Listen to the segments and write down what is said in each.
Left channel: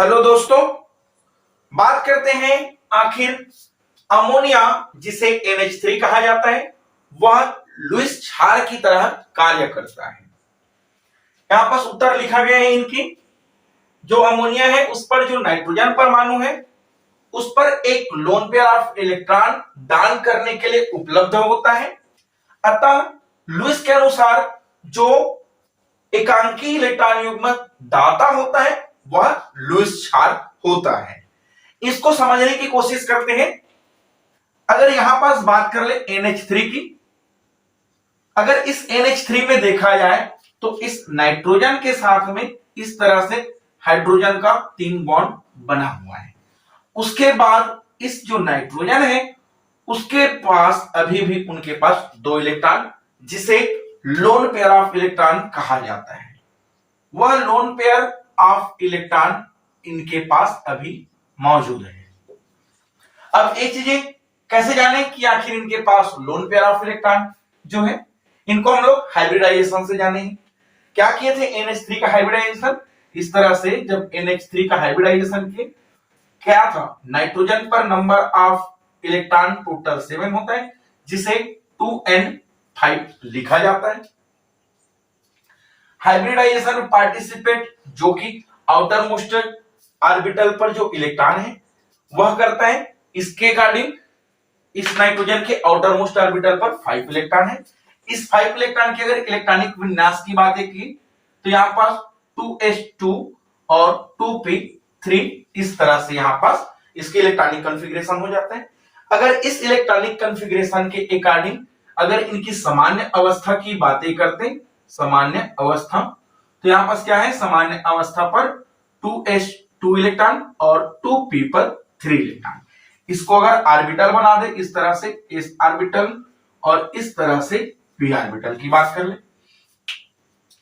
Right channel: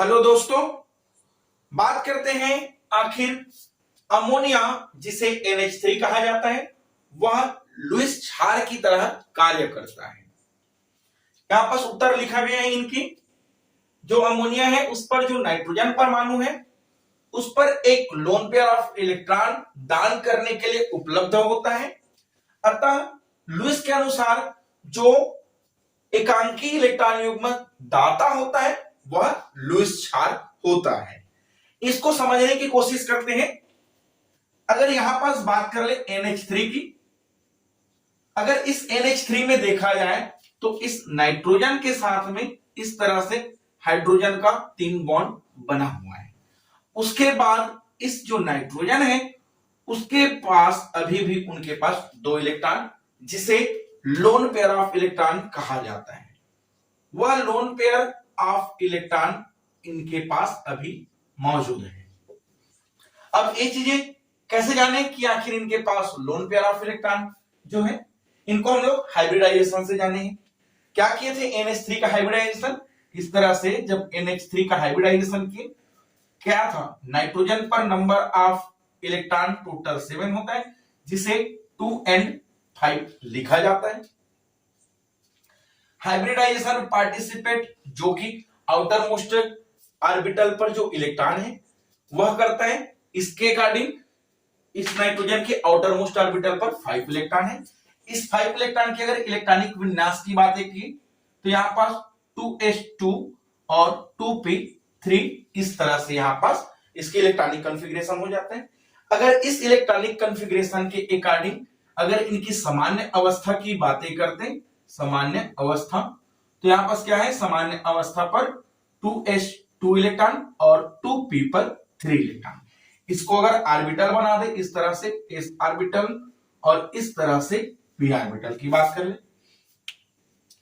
Hello दोस्तों, बात करते हैं आखिर अमोनिया जिसे NH3 कहा जाता है वह लुईस क्षार की तरह कार्य करता है। यहां पर उत्तर लिखा गया है इनकी। जो अमोनिया है उस पर जो नाइट्रोजन परमाणु है उस पर एक लोन पेयर ऑफ इलेक्ट्रॉन दान करने के लिए उपलब्ध होता है। अतः लुईस के अनुसार जो एकांकी इलेक्ट्रॉन युग्म दाता होता है वह लुईस क्षार होता है। इसको समझने की कोशिश करते हैं। अगर यहां पास बात कर ले NH3 की, अगर इस NH3 में देखा जाए तो इस नाइट्रोजन के साथ में इस तरह से हाइड्रोजन का 3 बॉन्ड बना हुआ है। उसके बाद इस जो नाइट्रोजन है उसके पास अभी भी उनके पास 2 इलेक्ट्रॉन जिसे लोन पेयर ऑफ इलेक्ट्रॉन कहा जाता है। वह लोन पेयर ऑफ इलेक्ट्रॉन इनके पास अभी मौजूद है। अब ये चीजें कैसे जाने कि आखिर इनके पास लोन पेयर ऑफ इलेक्ट्रॉन जो है इनको हम लोग हाइब्रिडाइजेशन से जाने हैं। क्या किए थे NH3 का हाइब्रिडाइजेशन। इस तरह से जब NH3 का हाइब्रिडाइजेशन किए क्या था, नाइट्रोजन पर नंबर ऑफ इलेक्ट्रॉन टोटल 7 होता है जिसे 2n5 लिखा जाता है। हाइब्रिडाइजेशन पार्टिसिपेट जो कि आउटर मोस्ट ऑर्बिटल पर जो इलेक्ट्रॉन है वह करता है। इसके अकॉर्डिंग इस नाइट्रोजन के आउटर मोस्ट ऑर्बिटल पर 5 इलेक्ट्रॉन है। इस 5 इलेक्ट्रॉन के अगर इलेक्ट्रॉनिक विन्यास की बात की तो यहां पास 2s2 और 2p3 इस तरह से यहां पास इसके इलेक्ट्रॉनिक कॉन्फ़िगरेशन हो जाता है। अगर इस इलेक्ट्रॉनिक कॉन्फ़िगरेशन के अकॉर्डिंग अगर इनकी सामान्य अवस्था की बातें करते हैं, सामान्य अवस्था, तो यहां पास क्या है, सामान्य अवस्था पर 2s2 इलेक्ट्रॉन और 2p पर 3 इलेक्ट्रॉन। इसको अगर ऑर्बिटल बना दे इस तरह से s ऑर्बिटल और इस तरह से p ऑर्बिटल की बात कर ले।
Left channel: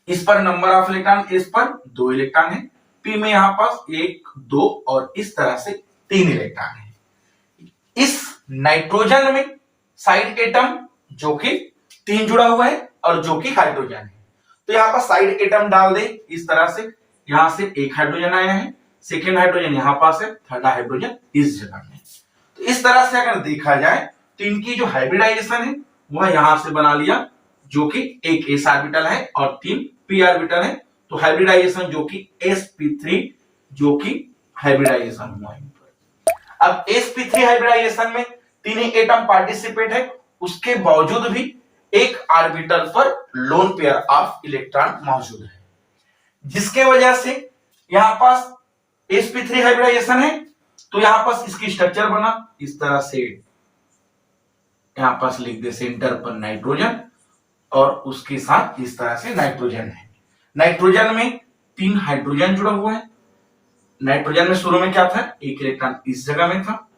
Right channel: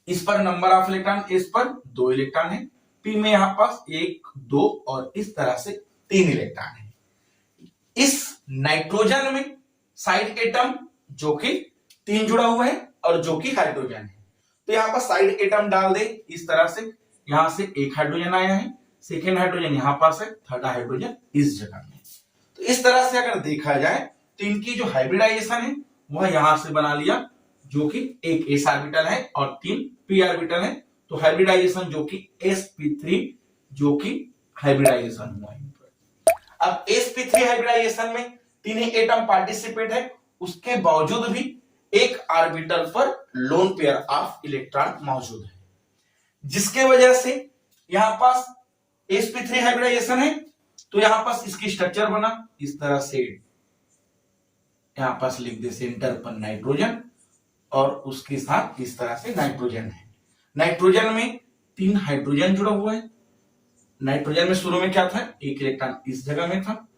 इस पर नंबर ऑफ इलेक्ट्रॉन s पर 2 इलेक्ट्रॉन है, p में यहां पास 1 2 और इस तरह से 3 इलेक्ट्रॉन है। इस नाइट्रोजन में साइड एटम जो कि 3 जुड़ा हुआ है और जो कि हाइड्रोजन है, तो यहां पर साइड एटम डाल दे इस तरह से। यहां से एक हाइड्रोजन आया है, सेकेंड हाइड्रोजन यहां पास है, थर्ड हाइड्रोजन इस जगह में। तो इस तरह से अगर देखा जाए तो इनकी जो हाइब्रिडाइजेशन है वह यहां से बना लिया जो कि एक s ऑर्बिटल है और 3 p ऑर्बिटल है। तो हाइब्रिडाइजेशन जो कि sp3 जो कि हाइब्रिडाइजेशन हुआ है। अब sp3 हाइब्रिडाइजेशन में 3 ही एटम पार्टिसिपेट है, उसके बावजूद भी एक ऑर्बिटल पर लोन पेयर ऑफ इलेक्ट्रॉन मौजूद है, जिसके वजह से यहां पास sp3 हाइब्रिडाइजेशन है। तो यहां पास इसकी स्ट्रक्चर बना इस तरह से, यहां पास लिख दे सेंटर पर नाइट्रोजन और उसके साथ इस तरह से नाइट्रोजन है। नाइट्रोजन में 3 हाइड्रोजन जुड़ा हुआ है। नाइट्रोजन में शुरू में क्या था, एक इलेक्ट्रॉन इस जगह में था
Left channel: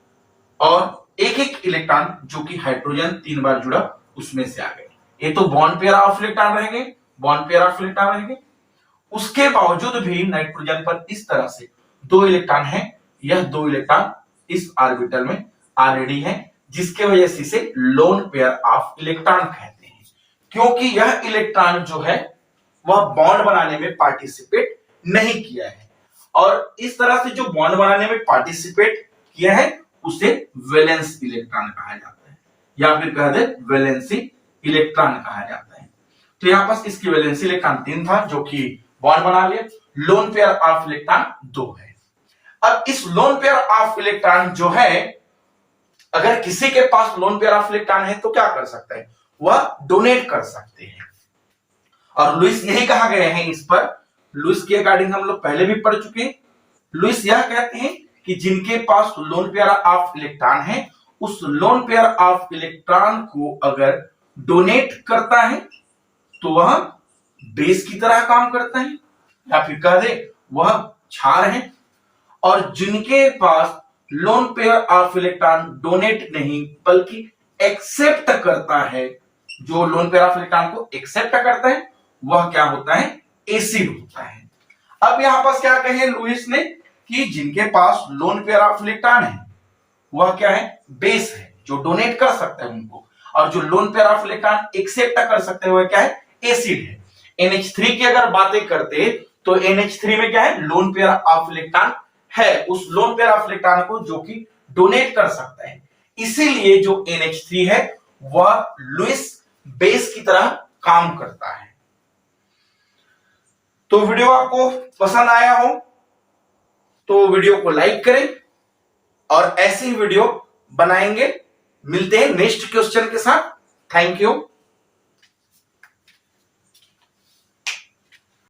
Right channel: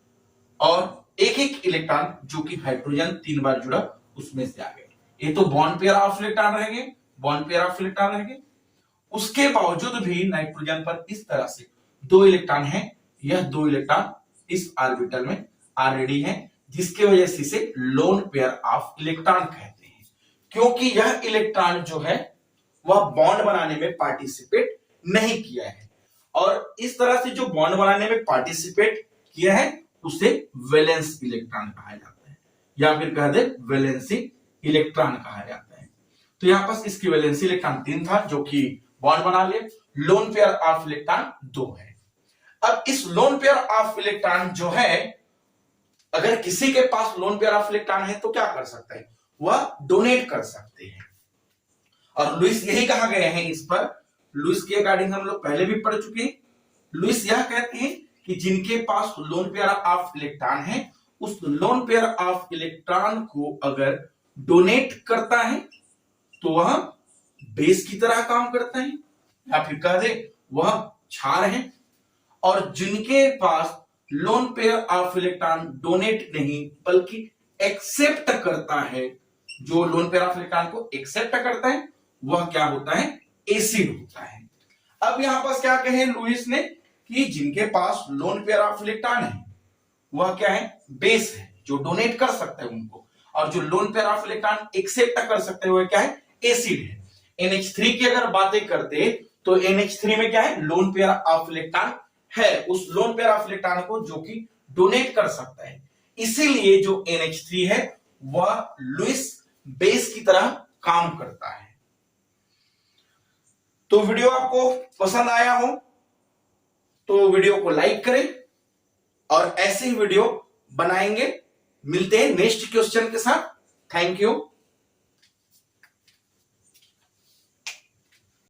और एक एक इलेक्ट्रॉन जो कि हाइड्रोजन 3 बार जुड़ा उसमें से आ गए। ये तो बॉन्ड पेयर ऑफ इलेक्ट्रॉन रहेंगे, बॉन्ड पेयर ऑफ इलेक्ट्रॉन रहेंगे। उसके बावजूद भी नाइट्रोजन पर इस तरह से 2 इलेक्ट्रॉन है। यह 2 इलेक्ट्रॉन इस ऑर्बिटल में ऑलरेडी है, जिसके वजह से इसे लोन पेयर ऑफ इलेक्ट्रॉन कहते हैं, क्योंकि यह इलेक्ट्रॉन जो है वह बॉन्ड बनाने में पार्टिसिपेट नहीं किया है। और इस तरह से जो बॉन्ड बनाने में पार्टिसिपेट किया है उसे वैलेंस इलेक्ट्रॉन कहा जाता है, या फिर कह दे वैलेंसी इलेक्ट्रॉन कहा जाता है। तो यहां पास इसकी वैलेंसी इलेक्ट्रॉन 3 था जो कि बॉन्ड बना लिया। लोन पेयर ऑफ इलेक्ट्रॉन 2 है। अब इस लोन पेयर ऑफ इलेक्ट्रॉन जो है, अगर किसी के पास लोन पेयर ऑफ इलेक्ट्रॉन है तो क्या कर सकता है, वह डोनेट कर सकते हैं। और लुईस यही कहा गया है इस पर। लुईस के अकॉर्डिंग हम लोग पहले भी पढ़ चुके हैं। लुईस यह कहते हैं कि जिनके पास लोन पेयर ऑफ इलेक्ट्रॉन है उस लोन पेयर ऑफ इलेक्ट्रॉन को अगर डोनेट करता है तो वह बेस की तरह काम करता है, या फिर कह दे वह क्षार है। और जिनके पास lone pair of electron donate नहीं बल्कि एक्सेप्ट करता है, जो लोन पेयर ऑफ इलेक्ट्रॉन को एक्सेप्ट करता है वह क्या होता है, एसिड होता है। अब यहां पास क्या कहे लुईस ने कि जिनके पास लोन पेयर ऑफ इलेक्ट्रॉन है वह क्या है, बेस है, जो डोनेट कर सकते हैं उनको, और जो lone pair of electron accept कर सकते हैं वह क्या है, एसिड है। NH3 की अगर बातें करते तो NH3 में क्या है, लोन पेयर ऑफ इलेक्ट्रॉन है उस लोन पेयर ऑफ इलेक्ट्रॉन को जो कि डोनेट कर सकता है। इसीलिए जो NH3 है वह लुईस बेस की तरह काम करता है। तो वीडियो आपको पसंद आया हो तो वीडियो को लाइक करें और ऐसी वीडियो बनाएंगे। मिलते हैं नेक्स्ट क्वेश्चन के साथ। Thank you.